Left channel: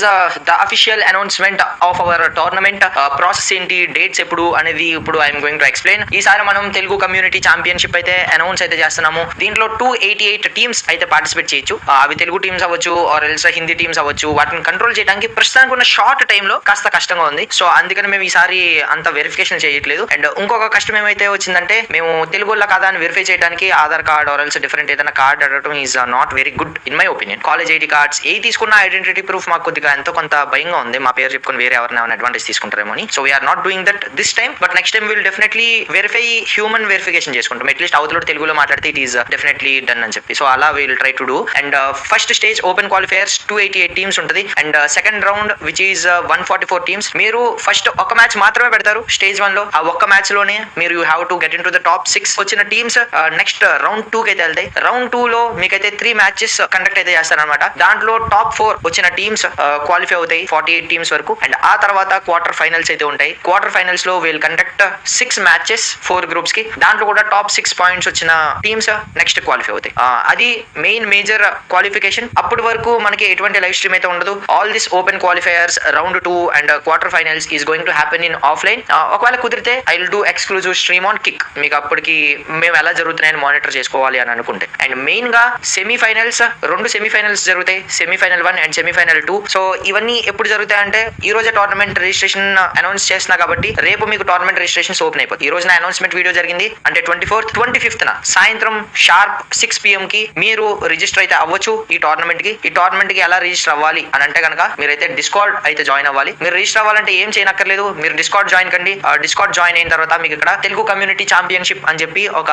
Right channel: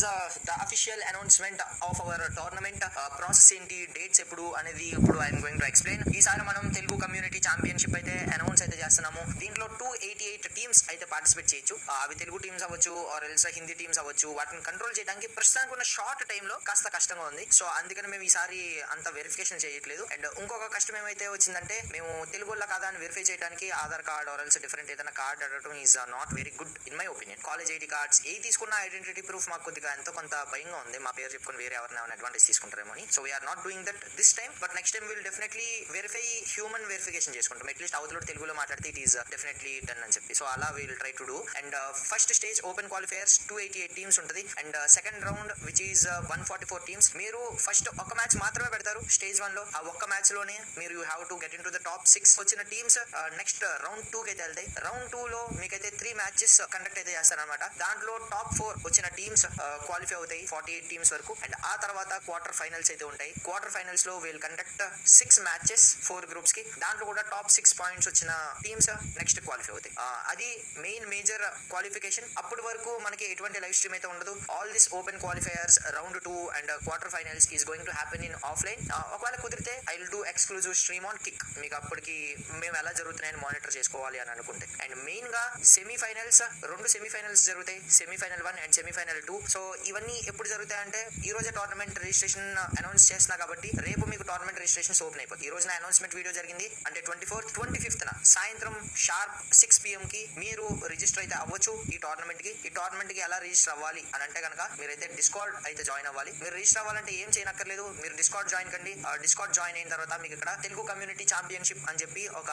Is the official announcement of our tournament. Process ఏంటి, dates ఎప్పుడు అనేది ఇప్పుడు ఐఎమ్ గోయింగ్ టు ఎక్స్ప్లెయిన్. ఈసారి మనం తెలుగు కమ్యూనిటీ ఛాంపియన్షిప్ అయితే అనౌన్స్ అయితే చేస్తున్నాము. దీంట్లో 288 టీమ్స్ అయితే పార్టిసిపేట్ చేయొచ్చు. అవి తెలుగు టీమ్స్ అవ్వచ్చు ఆర్ ఎల్స్ హిందీ టీమ్స్ అవ్వచ్చు. వాటిని కంట్రోల్ చేయడానికి ప్రస్తుతానికి ఉన్న షార్ట్ టైమ్ లో కాస్త కష్టంగా ఉంది. సో అందుకని మేము ఈసారి అంత వెరిఫికేషన్ చేయట్లేదు. అండ్ ఇంకొక కష్టం ఏమైతే వచ్చిందంటే, మేము తెలుగులో కాదా అని వెరిఫై చేయడానికి Aadhaar card or else different ఏదైనా కార్డ్ అడగడం is not very good in my opinion. College ID cards ఏ తీసుకున్న ఐడెంటిటీ ప్రూఫ్ మాకు కొద్దిగా ఎంతో కొంత భయంగా ఉంది. మా పేరు చెప్పుకొని వేరే ఎవరైనా అడ్వాంటేజ్ తీసుకుంటారేమో అని. So we are not doing that this time. But next time will definitely verify, human verification చేసుకుంటాం. అట్లీస్ట్ అవతల తెలుగులో మాట్లాడితే ఇట్ ఈస్ డెఫినెట్లీ డన్ అని చెప్పి. సో అలా will try to do. And first stage open qualifiers 288 teams ఉంటుంది. And second round which is 144 teams. మీరు first ఒక మ్యాచ్ మాత్రమే పెడతారు స్టేజ్ 1 లో. ఆ ఒక్క మ్యాచ్ లోనే మీరు you have to get in to the top 6 వచ్చిన టీమ్స్ నెక్స్ట్ రౌండ్ 2 కి అయితే వెళ్తాయి. రౌండ్ 2 లో మీకైతే 3 మ్యాచెస్ కండక్ట్ అయితే చేస్తారనమాట. దాంట్లో టాప్ 4 వచ్చిన టీమ్స్ క్వాలిఫై అవుతాయి 48 టీమ్స్ వరకు. అండ్ ఆ తర్వాత క్వార్టర్ ఫైనల్స్ అయితే ఉంటాయి. క్వార్టర్ ఫైనల్స్ లో విల్ కండక్ట్ 6 మ్యాచెస్ 4 గ్రూప్స్ కి. దాంట్లో కూడా టాప్ 6 పాయింట్స్ వచ్చిన టీమ్స్ నెక్స్ట్ క్వాలిఫై అవుతాయి. అది మెయిన్ మేజర్ క్వాలిఫికేషన్. అప్పటి వరకు మనకి ఎటువంటి లైవ్ స్ట్రీమ్ అయితే ఉండదు. All this open qualifiers round 2 and quarter finals is going to happen in offline. ఒకవేళ కుదిరితే I will do exclusive stream on kick. మీకు అప్పటికి మేము ఎలా జరుగుతున్నాయని మానిటర్ చేసుకోవాలి అని అనుకుంటే. అండ్ మెయిన్ గా సెమీఫైనల్స్ 2 సెమీఫైనల్స్ జరుగుతాయి. Semi-final 1 and semi-final 2. సో ఇవన్నీ ఎప్పుడు జరుగుతాయి అంటే, ఈ రోజే టోర్నమెంట్ రిజిస్ట్రేషన్ అనౌన్స్ చేస్తున్నా కాబట్టి రేపు మీకు టోర్నమెంట్ రిజిస్ట్రేషన్స్ ఓపెన్ అయిపోతుంది. ఈ రోజు నా అనౌన్స్మెంట్ వీడియో జరిగింది అంటే 24th 25th సాయంత్రం షార్ప్ 6 PM కి మీరు రిజిస్టర్ అయితే అవ్వచ్చు ఈ టోర్నమెంట్ కి. ఈ టోర్నమెంట్ కి ఎలా రిజిస్టర్ అవ్వాలి అని అంటే కనుక, మీరైతే డిస్కార్డ్ అయితే జాయిన్ అవ్వాలి. మీరు రిజిస్టర్ అవ్వాలంటే ఏం చేయనక్కర్లేదు, మీరు డిస్కార్డ్ జాయిన్ కండి. డిస్కార్డ్ జాయిన్ అయిన తర్వాత మీకు ఇక్కడ తెలుగు కమ్యూనిటీ ఛాంపియన్షిప్ అని చెప్పి ఒక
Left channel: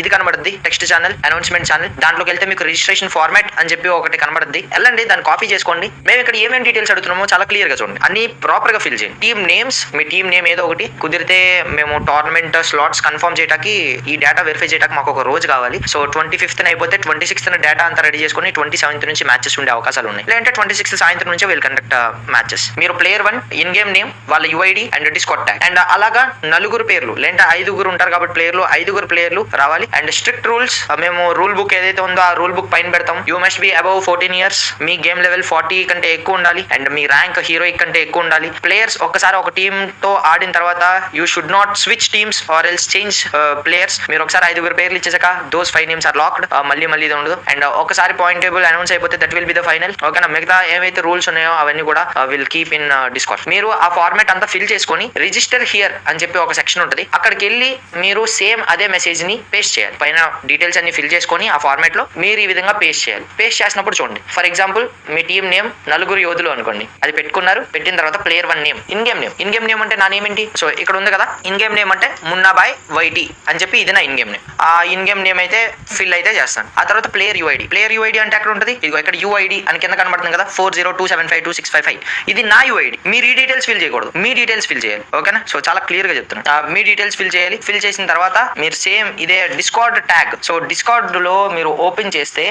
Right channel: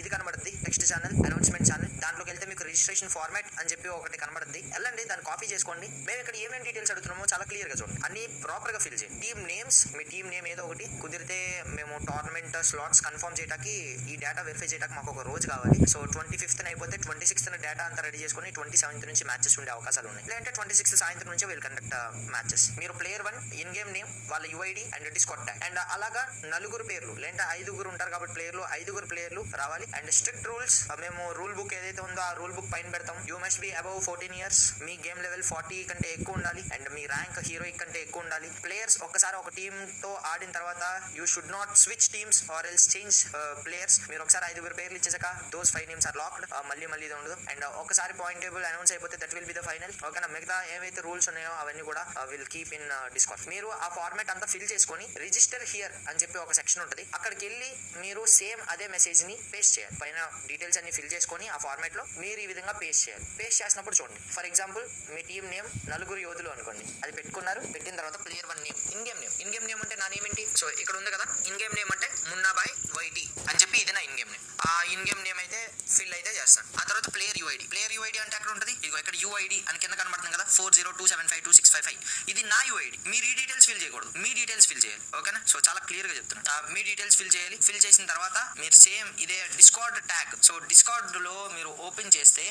ఇది కనబడుద్ది, టెక్స్ట్ ఛానల్, అనౌన్స్మెంట్ ఛానల్. దాంట్లోకి వెళ్తే మీకు రిజిస్ట్రేషన్ ఫార్మాట్ అని చెప్పి ఒకటి కనబడుద్ది. వెళ్ళండి, దాన్ని కాపీ చేసుకోండి. మేము ఇక్కడ ఏమేమి డీటెయిల్స్ అడుగుతున్నామో చాలా క్లియర్ గా చూడండి, అన్ని ప్రాపర్ గా ఫిల్ చేయండి. టీమ్ నేమ్స్, మీ టీమ్ నేమ్ ఏదో ఒకటి. కుదిరితే మేము టోర్నమెంట్ స్లాట్స్ కన్ఫర్మ్ చేయడానికి, ఈ డేటా వెరిఫై చేయడానికి మాకు ఒక రోజు కావాలి. సో 25th అయిపోతే 26th డేటా అంతా రెడీ చేసుకుని 27th నుంచి మ్యాచెస్ ఉండే అవకాశాలు ఉన్నాయి. లేదంటే 26th సాయంత్రం నుంచి విల్ కండక్ట్ మ్యాచెస్. మీరు ప్లేయర్ 1 ఇన్ గేమ్ నేమ్, వాళ్ళ UID and discard tag. And అలాగా 4 పేర్లు లేదంటే 5 ఉంటారు కాబట్టి ప్లేయర్లు 5 ప్లేయర్లు రావాలి. అండ్ స్ట్రిక్ట్ రూల్స్, మేము రూల్ బుక్ ఏదైతే ఉందో ఆ రూల్ బుక్ పైన పెడతాం. You must be above 14 years. Me game level 40 కంటే ఎక్కువ ఉండాలి. అండ్ మీ ర్యాంక్ హీరోయిక్ కంటే ఎక్కువ ఉండాలి. ప్లేయర్స్ ఒక్కసారి ఒక టీమ్ తో ఆడిన తర్వాత you should not switch teams or else change players. మీరు ఒకసారి 5 పేర్లు ఇచ్చేసాక దోస్ 5 నేమ్స్ ఆర్ లాక్డ్. మళ్ళీ ఇది ఉండదు. అండ్ ఒకసారి పాయింట్ టేబుల్ అనౌన్స్ అయిపోతే that will be the final. ఓకేనా? మిగతా ఏవైతే రూల్స్ ఉన్నాయో అవన్నీ కూడా విల్ కీప్ ఇన్ డిస్కార్డ్. మీరు ఆ ఫార్మాట్ అంతా ఫిల్ చేసుకొని రిజిస్టర్ హియర్ అని చెప్పి ఒక సెక్షన్ ఉంటుంది. అక్కడికి వెళ్ళి మీరు సేమ్ అదే మెసేజ్ ని పేస్ట్ చేయాలి. పైన డీటెయిల్స్ అన్ని ఫిల్ చేసుకొని ఆ ఫార్మాట్ లో మీరు ఈ విధంగా పేస్ట్ చేయాలి. పేస్ట్ చేసినప్పుడు చూడండి, for example me team name 4 యోధులు అనుకోండి. అది పెట్టుకున్నారు. పెట్టిన తర్వాత player 1 name, in game name. In game name అంటే నా నేమ్ ఏంటి? సో ఇక్కడ ఉంది కదా, ఇన్ గేమ్ నేమ్ అంటే మున్నాబాయ్ వైటీ అని చెప్పి ఇది నా ఇన్ గేమ్ నేమ్. ఆ ఇన్ గేమ్ నేమ్ అయితే ఫిల్ అయితే చేస్తాను. ఆ తర్వాత ప్లేయర్ యుఐడి. ప్లేయర్ యుఐడి అంటే అక్కడ ఉంటుంది. ఇదిగో ఇక్కడ యుఐడి అని కింద కనబడుతుంది కదా, 40275265. ఇది నా యుఐడి. మీరు ఈ డీటెయిల్స్ ఫిల్ చేయకూడదు, మీ డీటెయిల్స్ ఫిల్ చేయాలి. ఓకేనా? సో చాలా క్లియర్ గా చెప్తున్నాను. మీ డీటెయిల్స్ ఫిల్ చేయాలి. ఫిల్ చేసిన తర్వాత మీరు సేమ్ ఇదే డిస్కార్డ్ ట్యాగ్. సో డిస్కార్డ్ లో మీరు ఓపెన్ చేస్తే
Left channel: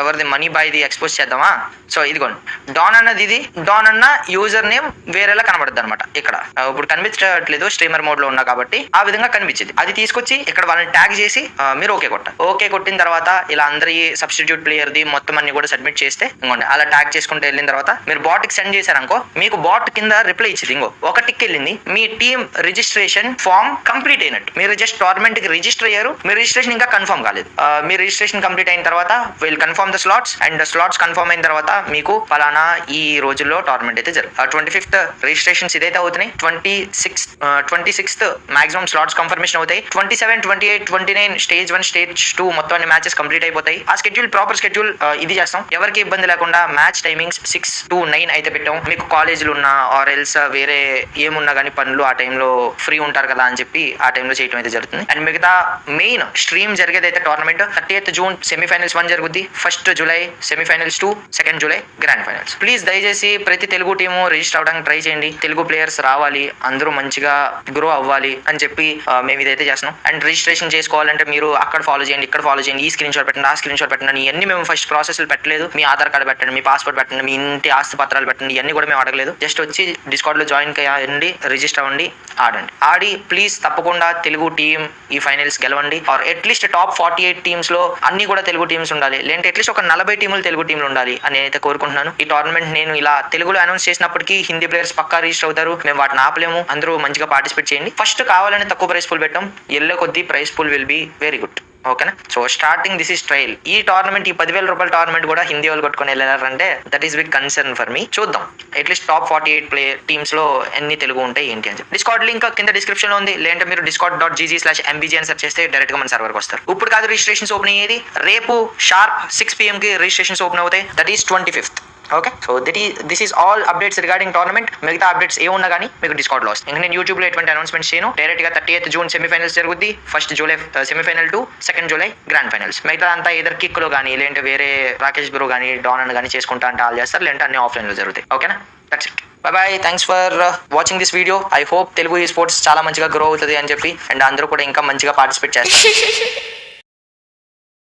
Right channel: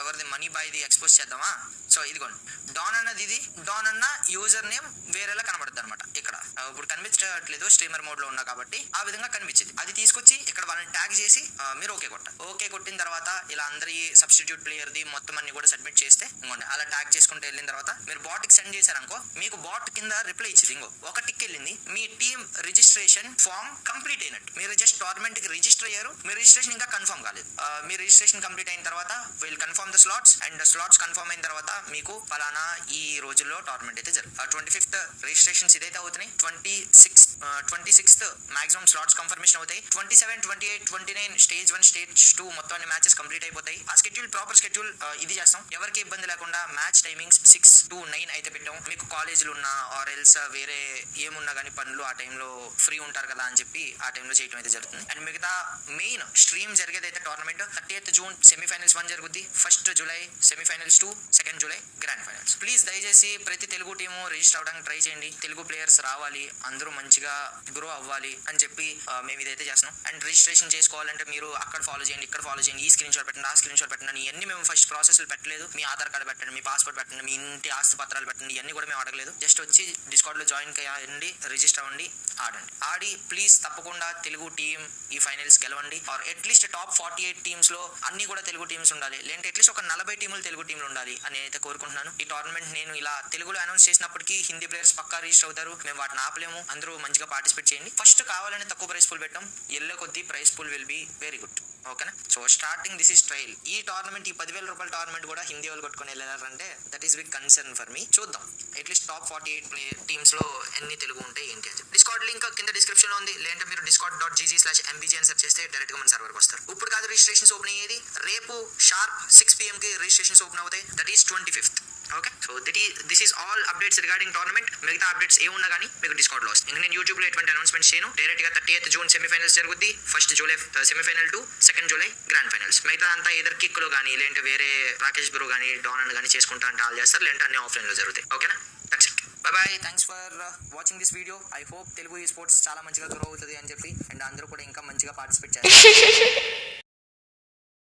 ఎవరిది మనీ బాయ్ది ఎక్స్పోజ్ చేద్దామా? సో ఇదిగోండి, డాన్ అన్నది ఇది. డాన్ అన్న యూజర్ నేమ్ వేరేలా కనబడుతుంది అనమాట. ఇక్కడ ఇప్పుడు కనిపించట్లేదు, స్ట్రీమర్ మోడ్ లో ఉన్నా కాబట్టి ఆ విధంగా కనిపించింది. అది తీసుకొచ్చి ఇక్కడ వాళ్ళని ట్యాగ్ చేసి మీరు ఓకే కొట్టాలి. ఓకే కొట్టిన తర్వాత ఇలా అందరి సబ్స్టిట్యూట్ ప్లేయర్ ది మొత్తం అన్ని కూడా సబ్మిట్ చేస్తే ఇంకోండి అలా ట్యాగ్ చేసుకుంటూ వెళ్ళిన తర్వాత మీరు బాట్ కి సెండ్ చేశారనుకో, మీకు బాట్ కింద రిప్లై ఇచ్చింది. ఇంకో ఒక టిక్ వెళ్ళింది, మీ టీమ్ రిజిస్ట్రేషన్ ఫామ్ కంప్లీట్ అయినట్టు. మీరు జస్ట్ టోర్నమెంట్ కి రిజిస్టర్ అయ్యారు, మీ రిజిస్ట్రేషన్ ఇంకా కన్ఫర్మ్ కాలేదు. మీ రిజిస్ట్రేషన్ కంప్లీట్ అయిన తర్వాత will confirm the slots. And slots confirm అయిన తర్వాత మీకు ఫలానా ఈ రోజుల్లో టోర్నమెంట్ అయితే జరుగుతుంది. 25th రిజిస్ట్రేషన్స్ ఇదైతే అవుతున్నాయి. 26th మాక్సిమం స్లాట్స్ కన్ఫర్మేషన్ అవుతాయి. 27, 28, 29 స్టేజ్ 1 స్టేజ్ 2 మొత్తం అన్ని మ్యాచెస్ కంప్లీట్ అయిపోతాయి. ఆ స్కెడ్యూల్ ప్రాపర్ స్కెడ్యూల్ ఇది చేస్తాం. ఎవరికి ఇబ్బంది లేకుండా మ్యాచ్ టైమింగ్స్ 6 to 9 అయితే పెట్టాం. మీకు కాలేజీలు ఉన్నా ఆర్ ఎల్స్ వేరే ఏమున్నా కానీ పనులు ఆ టైంలో ఫ్రీ ఉంటారు కదా అని చెప్పి ఆ టైంలో చేయడం అయితే జరుగుతుంది. అండ్ మిగతా మెయిన్ స్ట్రీమ్ జరిగేది అయితే టోర్నమెంట్ 30th June సెమీఫైనల్స్ 1 జరుగుద్ది. 1st July semifinals 2, 2nd July grand finals. Please దయచేసి ప్రతి తెలుగు టీము రిజిస్టర్ అవడానికి ట్రై చేయండి. తెలుగు ప్లేయర్స్ రావాలి, అందరూ మంచిగా గ్రో అవ్వాలి అని చెప్పి మేము ఇదైతే చేస్తున్నాం. అండ్ రిజిస్ట్రేషన్ చేసుకోవాలంటే మీరు అక్కడ ఫాలో చేయండి, ఇక్కడ ఫాలో చేయండి, ఈ స్క్రీన్ షాట్ పెట్టండి, ఆ స్క్రీన్ షాట్ పెట్టండి. ఇవన్నీ మేము ఫస్ట్ ప్రాసెస్లు పెట్టలేదు. మీ ఆధార్ కార్డు పెట్టండి, మీ పాస్పోర్ట్ పెట్టండి, మీ ఇంటి ఆస్తి పత్రాలు పెట్టండి, ఇవన్నీ కూడా మేము అడగలేదు. జస్ట్ వచ్చి డిస్కార్డ్ లో జాయిన్ అయ్యండి, రిజిస్టర్ అవ్వండి, ఆడండి. ఆడి ప్లీజ్ తప్పకుండా తెలుగు టీం ఈ ఫైనల్స్ గెలవండి. ఆర్ అట్లీస్ట్ టాప్ 48 టీమ్స్ లో అన్ని కూడా తెలుగు టీమ్స్ ఉండాలి. లేదంటే అట్లీస్ట్ ఒక 40 టీములు తెలుగు టీంలు ఉండాలి అని అయితే కోరుకుంటున్నాను. ఈ టోర్నమెంట్ అండ్ నేను ఇలా తెలుగులో అనౌన్స్ చేసినప్పటికీ హిందీ ప్లేయర్స్ పక్కా రిజిస్టర్ అవుతారు. మేము వాటిని ఆపలేము. అందరూ మంచిగా పార్టిసిపేట్ చేయండి. ఫస్ట్ కావాలని తక్కువ ప్రైస్ పూల్ పెట్టాం. ఎల్లో కొద్దీ price pool will be very good. ఓకేనా? So starting this is trial. ఈ టోర్నమెంట్, ఈ 10,000 రూపాయల టోర్నమెంట్ కూడా హిందీ వాళ్ళు కొట్టుకొని వెళ్ళారంటే that is big concern for me. చూద్దాం అట్లీస్ట్ టాప్ 48 ప్లేయర్ టీమ్స్ లో ఎన్ని తెలుగు ఉంటాయి ఏంటి అని చెప్పి. డిస్కార్డ్ లింక్ కింద డిస్క్రిప్షన్ లో ఉంది. లేదంటే మీరు discord.gg/mbg అని సెర్చ్ చేస్తే డైరెక్ట్ గా మన సర్వర్కి వస్తారు. ఇప్పుడు కాదు రిజిస్ట్రేషన్స్ ఓపెన్ అయ్యేది, రేపు షార్ప్ 6 PM కి రిజిస్ట్రేషన్స్ ఓపెన్ అవుతాయి. That is 25th. Okay, so this is all updates regarding tournament. మిగతా అప్డేట్స్ ఏమున్నా కానీ మీకు డిస్కౌంట్ లో వస్తాయి. ఇంకా నేను యూట్యూబ్ లో ఎటువంటి అనౌన్స్మెంట్స్ చేయను. డైరెక్ట్ గా 30th June సెమీఫైనల్స్ జరుగుద్ది. 1st July semi-final 2, 2nd July grand finals. మిగతా అంతా ఏదర్ కిక్ లో కానీ, లేదంటే వేరే రాకేష్ బ్రో కానీ, డాన్ అని కానీ చేసుకుంటా అంటే ఆల్ చేస్తారు. లేదంటే అన్ని ఆఫ్లైన్ లో జరుగుతాయి. ఓకేనా? That's it. Bye. Thanks for watching this video. I hope Telugu ఈ స్పోర్ట్స్ చాలా మంచిగా గ్రో అవుతుంది అని చెప్పి, అండ్ అందరూ కూడా ఇంకా మంచిగా పార్టిసిపేట్ చేస్తారు.